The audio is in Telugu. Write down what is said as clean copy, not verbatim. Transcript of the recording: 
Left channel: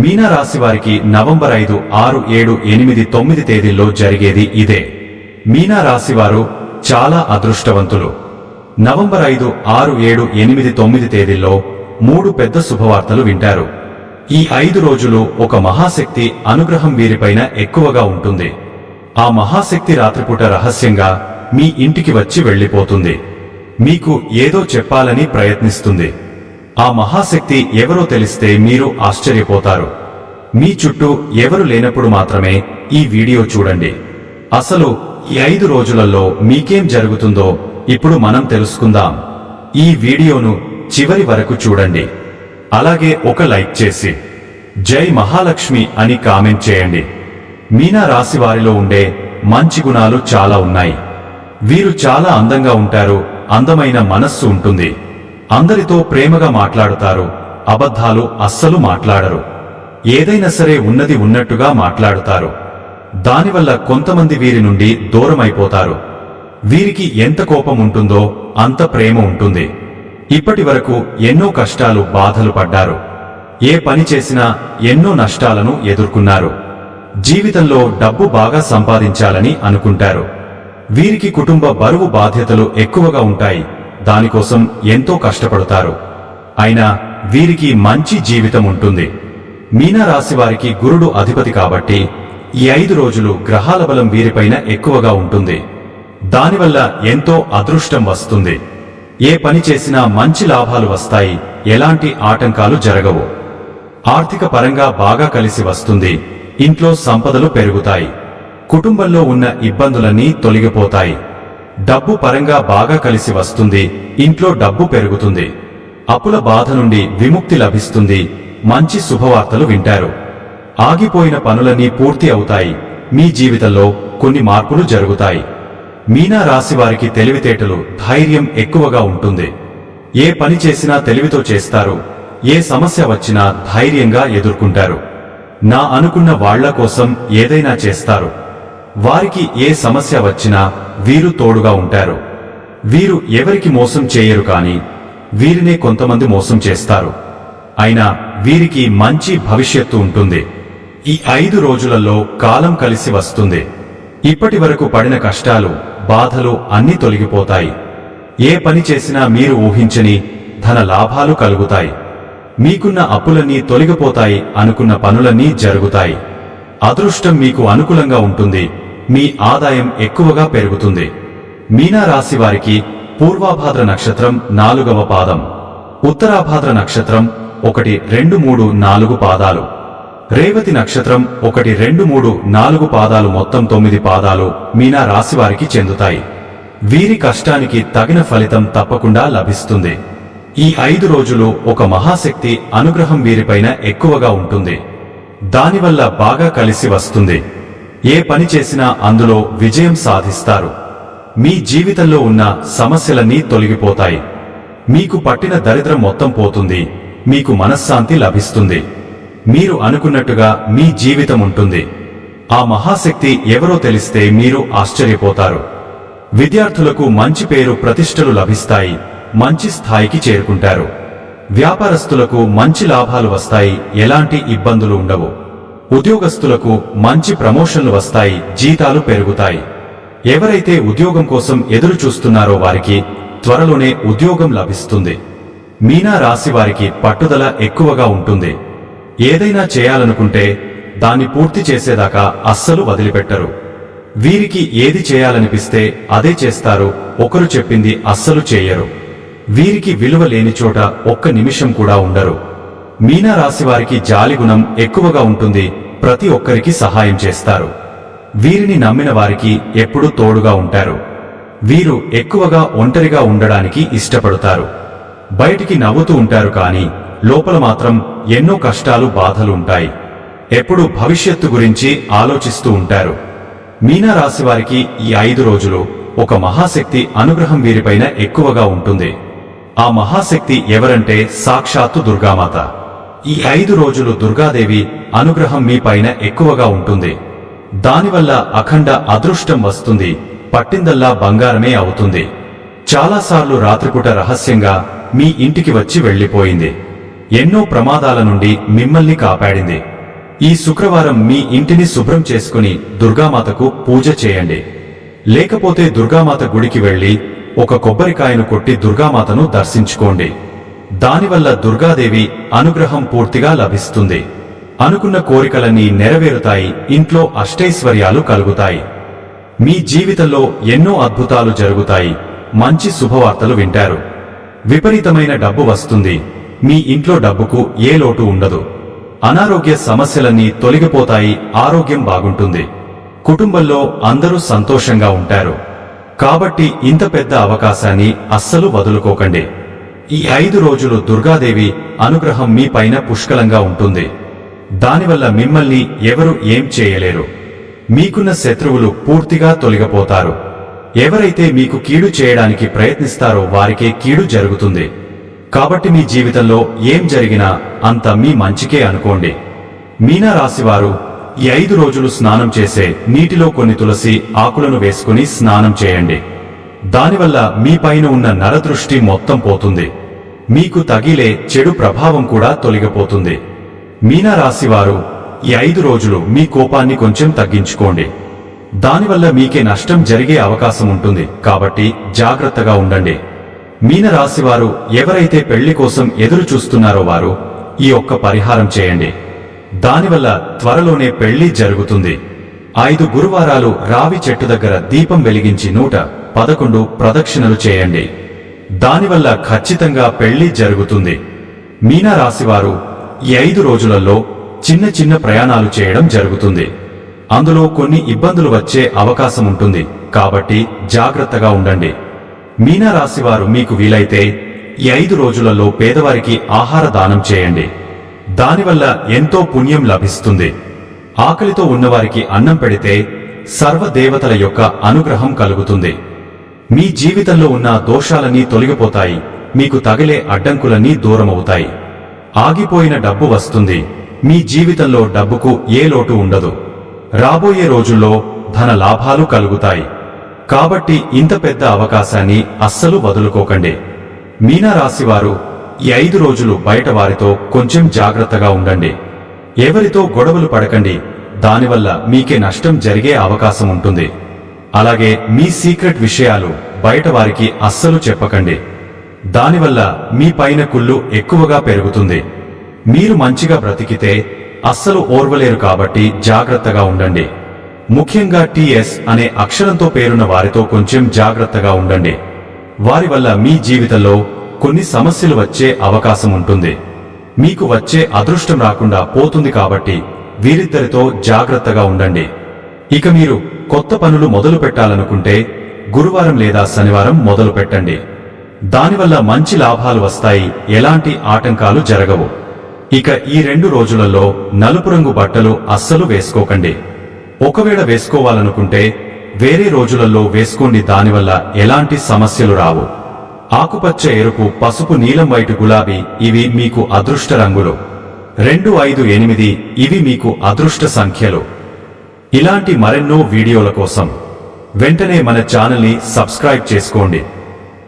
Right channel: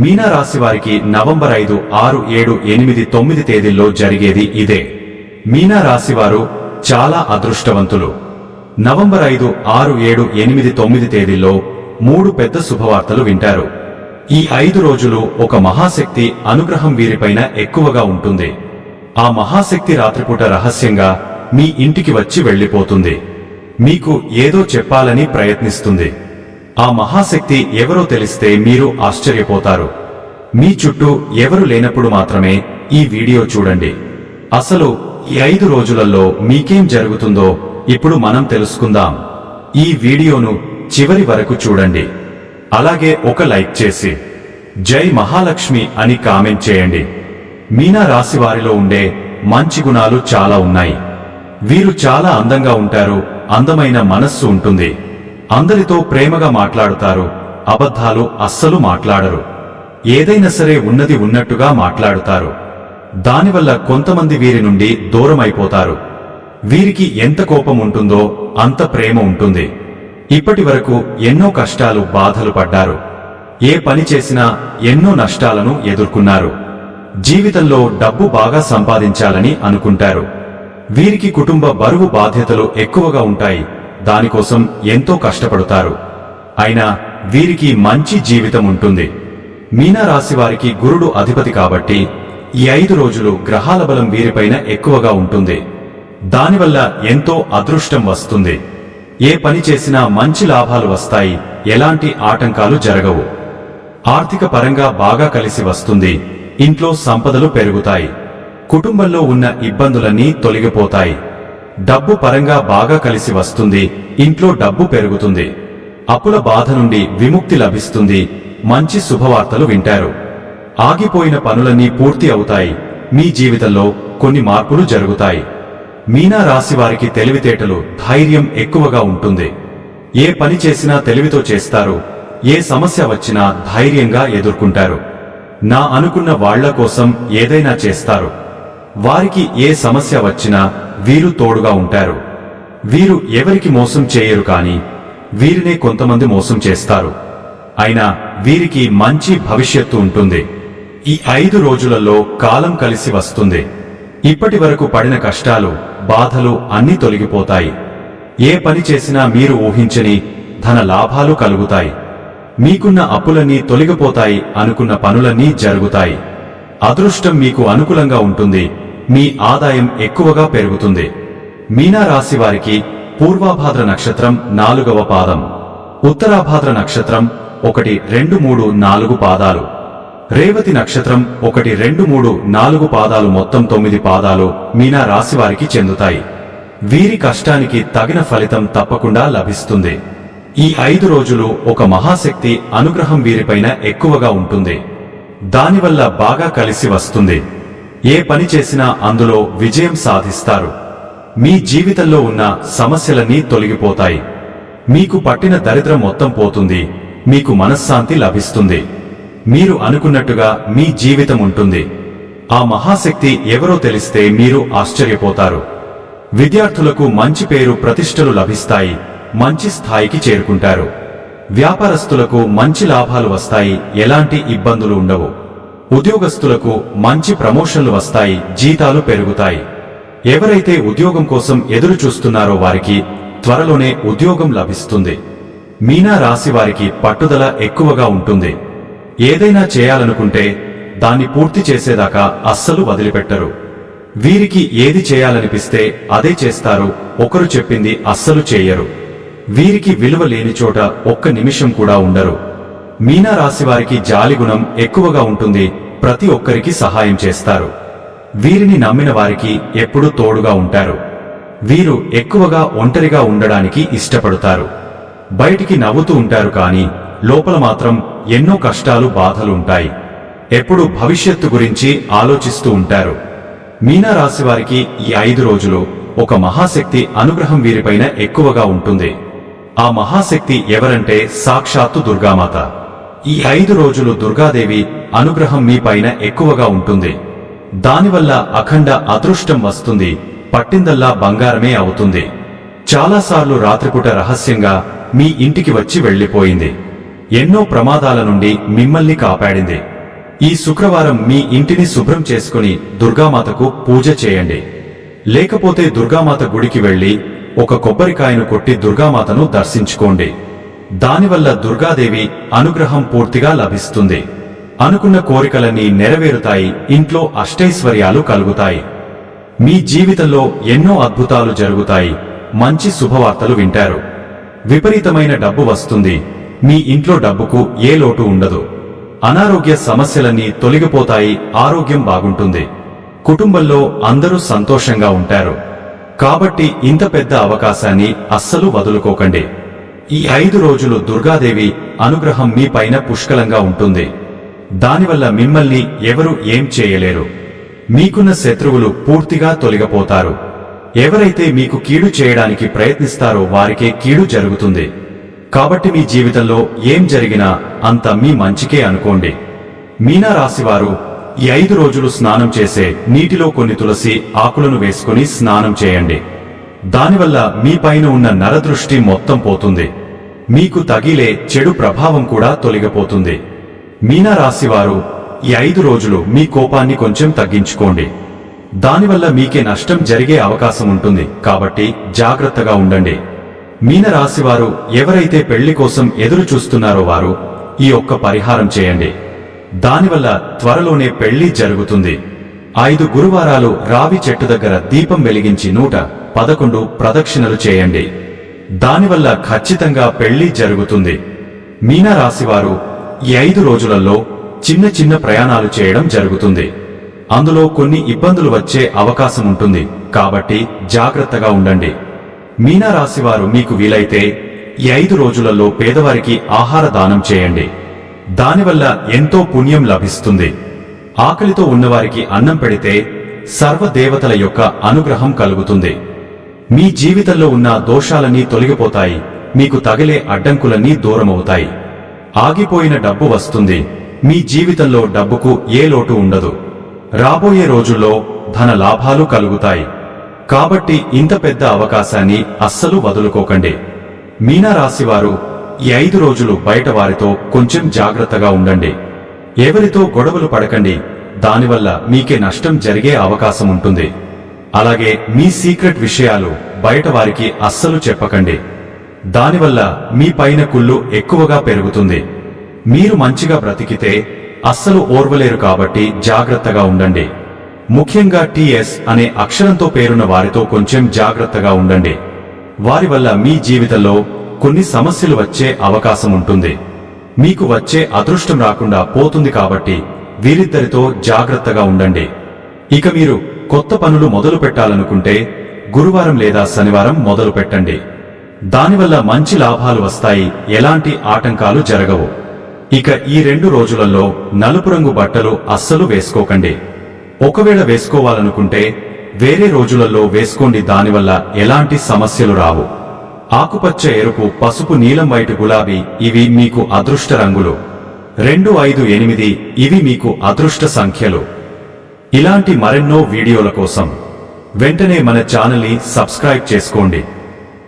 మీనా రాశి వారికి నవంబర్ 5, 6, 7, 8, 9 తేదీల్లో జరిగేది ఇదే. మీనా రాశి వారు చాలా అదృష్టవంతులు. నవంబర్ 5, 6, 7, 8, 9 తేదీల్లో 3 పెద్ద శుభవార్తలు వింటారు. ఈ 5 రోజులు ఒక మహాశక్తి అనుగ్రహం వీరిపైన ఎక్కువగా ఉంటుంది. ఆ మహాశక్తి రాత్రిపూట రహస్యంగా మీ ఇంటికి వచ్చి వెళ్లిపోతుంది. మీకు ఏదో చెప్పాలని ప్రయత్నిస్తుంది. ఆ మహాశక్తి ఎవరో తెలిస్తే మీరు ఆశ్చర్యపోతారు. మీ చుట్టూ ఎవరు లేనప్పుడు మాత్రమే ఈ వీడియో చూడండి. అసలు ఈ 5 రోజులలో మీకేం జరుగుతుందో ఇప్పుడు మనం తెలుసుకుందాం. ఈ వీడియోను చివరి వరకు చూడండి. అలాగే ఒక లైక్ చేసి జై మహాలక్ష్మి అని కామెంట్ చేయండి. మీనా రాశి వారిలో ఉండే మంచి గుణాలు చాలా ఉన్నాయి. వీరు చాలా అందంగా ఉంటారు. అందమైన మనస్సు ఉంటుంది. అందరితో ప్రేమగా మాట్లాడుతారు. అబద్ధాలు అస్సలు మాట్లాడరు. ఏదైనా సరే ఉన్నది ఉన్నట్టుగా మాట్లాడుతారు. దానివల్ల కొంతమంది వీరి నుండి దూరమైపోతారు. వీరికి ఎంత కోపం ఉంటుందో అంత ప్రేమ ఉంటుంది. ఇప్పటి వరకు ఎన్నో కష్టాలు బాధలు పడ్డారు. ఏ పని చేసినా ఎన్నో నష్టాలను ఎదుర్కొన్నారు. జీవితంలో డబ్బు బాగా సంపాదించాలని అనుకుంటారు. వీరికి కుటుంబ బరువు బాధ్యతలు ఎక్కువగా ఉంటాయి. దానికోసం ఎంతో కష్టపడతారు. అయినా వీరికి మంచి జీవితం ఉంటుంది. మీనా రాశి వారికి గురుడు అధిపతి కాబట్టి ఈ 5 రోజులు గ్రహాల బలం వీరిపైన ఎక్కువగా ఉంటుంది. దానివల్ల ఎంతో అదృష్టం వస్తుంది. ఏ పని చేసినా మంచి లాభాలు వస్తాయి. ఎలాంటి ఆటంకాలు జరగవు. ఆర్థిక పరంగా బాగా కలిసి వస్తుంది. ఇంట్లో సంపదలు పెరుగుతాయి. కుటుంబంలో ఉన్న ఇబ్బందులన్నీ తొలగిపోతాయి. డబ్బు పరంగా బాగా కలిసి వస్తుంది. ఇంట్లో డబ్బు పెరుగుతుంది. అప్పుల బాధ నుండి విముక్తి లభిస్తుంది. మంచి శుభవార్తలు వింటారు. ఆగిపోయిన పనులన్నీ పూర్తి అవుతాయి. మీ జీవితంలో కొన్ని మార్పులు జరుగుతాయి. మీనా రాశి వారికి తెలివితేటలు, ధైర్యం ఎక్కువగా ఉంటుంది. ఏ పని చేసినా తెలివితో చేస్తారు. ఏ సమస్య వచ్చినా ధైర్యంగా ఎదుర్కొంటారు. నా అనుకున్న వాళ్ల కోసం ఏదైనా చేస్తారు. వారికి ఏ సమస్య వచ్చినా వీరు తోడుగా ఉంటారు. వీరు ఎవరికి మోసం చేయరు, కానీ వీరినే కొంతమంది మోసం చేస్తారు. అయినా వీరికి మంచి భవిష్యత్తు ఉంటుంది. ఈ 5 రోజులలో కాలం కలిసి వస్తుంది. ఇప్పటి వరకు పడిన కష్టాలు, బాధలు అన్నీ తొలగిపోతాయి. ఏ పని చేసినా మీరు ఊహించని ధన లాభాలు కలుగుతాయి. మీకున్న అప్పులన్నీ తొలగిపోతాయి. అనుకున్న పనులన్నీ జరుగుతాయి. అదృష్టం మీకు అనుకూలంగా ఉంటుంది. మీ ఆదాయం ఎక్కువగా పెరుగుతుంది. మీనా రాశి వారికి పూర్వాభాద్ర నక్షత్రం 4వ పాదం, ఉత్తరాభాద్ర నక్షత్రం 1, 2, 3, 4 పాదాలు, రేవతి నక్షత్రం 1, 2, 3, 4 పాదాలు, మొత్తం 9 పాదాలు మీనా రాశి వారికి చెందుతాయి. వీరి కష్టానికి తగిన ఫలితం తప్పకుండా లభిస్తుంది. ఈ 5 రోజులు ఒక మహాశక్తి అనుగ్రహం వీరిపైన ఎక్కువగా ఉంటుంది. దానివల్ల బాగా కలిసి వస్తుంది. ఏ పని చేసినా అందులో విజయం సాధిస్తారు. మీ జీవితంలో ఉన్న సమస్యలన్నీ తొలగిపోతాయి. మీకు పట్టిన దరిద్రం మొత్తం పోతుంది. మీకు మనశ్శాంతి లభిస్తుంది. మీరు అనుకున్నట్టుగా మీ జీవితం ఉంటుంది. ఆ మహాశక్తి ఎవరో తెలిస్తే మీరు ఆశ్చర్యపోతారు. విద్యార్థులకు మంచి పేరు ప్రతిష్టలు లభిస్తాయి. మంచి స్థాయికి చేరుకుంటారు. వ్యాపారస్తులకు మంచి లాభాలు వస్తాయి. ఎలాంటి ఇబ్బందులు ఉండవు. ఉద్యోగస్తులకు మంచి ప్రమోషన్లు వస్తాయి. జీతాలు పెరుగుతాయి. ఎవరైతే ఉద్యోగం కోసం ఎదురు చూస్తున్నారో వారికి త్వరలోనే ఉద్యోగం లభిస్తుంది. మీనా రాశి వారికి పట్టుదల ఎక్కువగా ఉంటుంది. ఏదైనా చేయాలనుకుంటే దాన్ని పూర్తి చేసేదాకా అస్సలు వదిలిపెట్టరు. వీరికి ఏది చేయాలనిపిస్తే అదే చేస్తారు. ఒకరు చెప్పింది అస్సలు చేయరు. వీరికి విలువ లేని చోట ఒక్క నిమిషం కూడా ఉండరు. మీనా రాశి వారికి జాలిగుణం ఎక్కువగా ఉంటుంది. ప్రతి ఒక్కరికి సహాయం చేస్తారు. వీరిని నమ్మిన వారికి ఎప్పుడూ తోడుగా ఉంటారు. వీరు ఎక్కువగా ఒంటరిగా ఉండడానికి ఇష్టపడతారు. బయటికి నవ్వుతూ ఉంటారు, కానీ లోపల మాత్రం ఎన్నో కష్టాలు, బాధలు ఉంటాయి. ఎప్పుడూ భవిష్యత్తు గురించి ఆలోచిస్తూ ఉంటారు. మీనా రాశి వారికి ఈ 5 రోజులు ఒక మహాశక్తి అనుగ్రహం వీరిపైన ఎక్కువగా ఉంటుంది. ఆ మహాశక్తి ఎవరంటే సాక్షాత్తు దుర్గామాత. ఈ 5 రోజులు దుర్గాదేవి అనుగ్రహం మీ పైన ఎక్కువగా ఉంటుంది. దానివల్ల అఖండ అదృష్టం వస్తుంది. పట్టిందల్లా బంగారమే అవుతుంది. చాలాసార్లు రాత్రిపూట రహస్యంగా మీ ఇంటికి వచ్చి వెళ్లిపోయింది. ఎన్నో ప్రమాదాల నుండి మిమ్మల్ని కాపాడింది. ఈ శుక్రవారం మీ ఇంటిని శుభ్రం చేసుకుని దుర్గామాతకు పూజ చేయండి. లేకపోతే దుర్గామాత గుడికి వెళ్లి ఒక కొబ్బరికాయను కొట్టి దుర్గామాతను దర్శించుకోండి. దానివల్ల దుర్గాదేవి అనుగ్రహం పూర్తిగా లభిస్తుంది. అనుకున్న కోరికలన్నీ నెరవేరుతాయి. ఇంట్లో అష్టైశ్వర్యాలు కలుగుతాయి. మీ జీవితంలో ఎన్నో అద్భుతాలు జరుగుతాయి. మంచి శుభవార్తలు వింటారు. విపరీతమైన డబ్బు వస్తుంది. మీ ఇంట్లో డబ్బుకు ఏ లోటు ఉండదు. అనారోగ్య సమస్యలన్నీ తొలగిపోతాయి. ఆరోగ్యం బాగుంటుంది. కుటుంబంలో అందరూ సంతోషంగా ఉంటారు. కాబట్టి ఇంత పెద్ద అవకాశాన్ని అస్సలు వదులుకోకండి. ఈ 5 రోజులు దుర్గాదేవి అనుగ్రహం మీ పైన పుష్కలంగా ఉంటుంది. దానివల్ల మిమ్మల్ని ఎవరు ఏం చేయలేరు. మీకున్న శత్రువులు పూర్తిగా తొలగిపోతారు. ఎవరైతే మీకు కీడు చేయడానికి ప్రయత్నిస్తారో వారికే కీడు జరుగుతుంది. కాబట్టి మీ జీవితంలో ఏం జరిగినా అంత మీ మంచికే అనుకోండి. మీనా రాశివారు ఈ 5 రోజులు స్నానం చేసే నీటిలో కొన్ని తులసి ఆకులను వేసుకుని స్నానం చేయండి. దానివల్ల మీ పైన ఉన్న నరదృష్టి మొత్తం పోతుంది. మీకు తగిలే చెడు ప్రభావం కూడా తొలగిపోతుంది. మీనా రాశివారు ఈ 5 రోజులు మీ కోపాన్ని కొంచెం తగ్గించుకోండి. దానివల్ల మీకే నష్టం జరిగే అవకాశం ఉంటుంది. కాబట్టి జాగ్రత్తగా ఉండండి. మీన రాశివారు ఎవరైతే పెళ్లి కోసం ఎదురు చూస్తున్నారో వారు ఈ ఒక్క పరిహారం చేయండి. దానివల్ల త్వరలోనే పెళ్లి జరుగుతుంది. 5 గురువారాలు రావి చెట్టు దగ్గర దీపం వెలిగించి 111 ప్రదక్షిణలు చేయండి. దానివల్ల ఖచ్చితంగా పెళ్లి జరుగుతుంది. మీనా రాశివారు ఈ 5 రోజులలో చిన్న చిన్న ప్రయాణాలు చేయడం జరుగుతుంది. అందులో కొన్ని ఇబ్బందులు వచ్చే అవకాశం ఉంటుంది. కాబట్టి జాగ్రత్తగా ఉండండి. మీనా రాశివారు మీకు వీలైతే ఈ 5 రోజులలో పేదవారికి ఆహార దానం చేయండి. దానివల్ల ఎంతో పుణ్యం లభిస్తుంది. ఆకలితో ఉన్నవారికి అన్నం పెడితే సర్వదేవతల యొక్క అనుగ్రహం కలుగుతుంది. మీ జీవితంలో ఉన్న దోషాలన్నీ తొలగిపోతాయి. మీకు తగిలే అడ్డంకులన్నీ దూరమవుతాయి. ఆగిపోయిన డబ్బు వస్తుంది. మీ జీవితంలో డబ్బుకు ఏ లోటు ఉండదు. రాబోయే రోజుల్లో ధన లాభాలు కలుగుతాయి. కాబట్టి ఇంత పెద్ద అవకాశాన్ని అస్సలు వదులుకోకండి. మీనా రాశివారు ఈ 5 రోజులు బయట వారితో కొంచెం జాగ్రత్తగా ఉండండి. ఎవరితో గొడవలు పడకండి. దానివల్ల మీకే నష్టం జరిగే అవకాశం ఉంటుంది. అలాగే మీ సీక్రెట్ విషయాలు బయట వారికి అస్సలు చెప్పకండి. దానివల్ల మీ పైన కుళ్ళు ఎక్కువగా పెరుగుతుంది. మీరు మంచిగా బ్రతికితే అస్సలు ఓర్వలేరు. కాబట్టి జాగ్రత్తగా ఉండండి. ముఖ్యంగా టీఎస్ అనే అక్షరంతో పేరున్న వారితో కొంచెం జాగ్రత్తగా ఉండండి. వారి వల్ల మీ జీవితంలో కొన్ని సమస్యలు వచ్చే అవకాశం ఉంటుంది. మీకు వచ్చే అదృష్టం రాకుండా పోతుంది. కాబట్టి వీరిద్దరితో జాగ్రత్తగా ఉండండి. ఇక మీరు కొత్త పనులు మొదలు పెట్టాలనుకుంటే గురువారం లేదా శనివారం మొదలు పెట్టండి. దానివల్ల మంచి లాభాలు వస్తాయి. ఎలాంటి ఆటంకాలు జరగవు. ఇక ఈ 2 రోజులలో నలుపు రంగు బట్టలు అస్సలు వేసుకోకండి. ఒకవేళ వేసుకోవాలనుకుంటే వేరే రోజులలో వేసుకోండి. దానివల్ల ఎలాంటి సమస్యలు రావు. ఆకుపచ్చ, ఎరుపు, పసుపు, నీలం, వైట్, గులాబీ ఇవి మీకు అదృష్ట రంగులు. 2, 5, 8 ఇవి మీకు అదృష్ట సంఖ్యలు. ఇలాంటి మరెన్నో వీడియోల కోసం వెంటనే మన ఛానల్ని సబ్స్క్రైబ్ చేసుకోండి.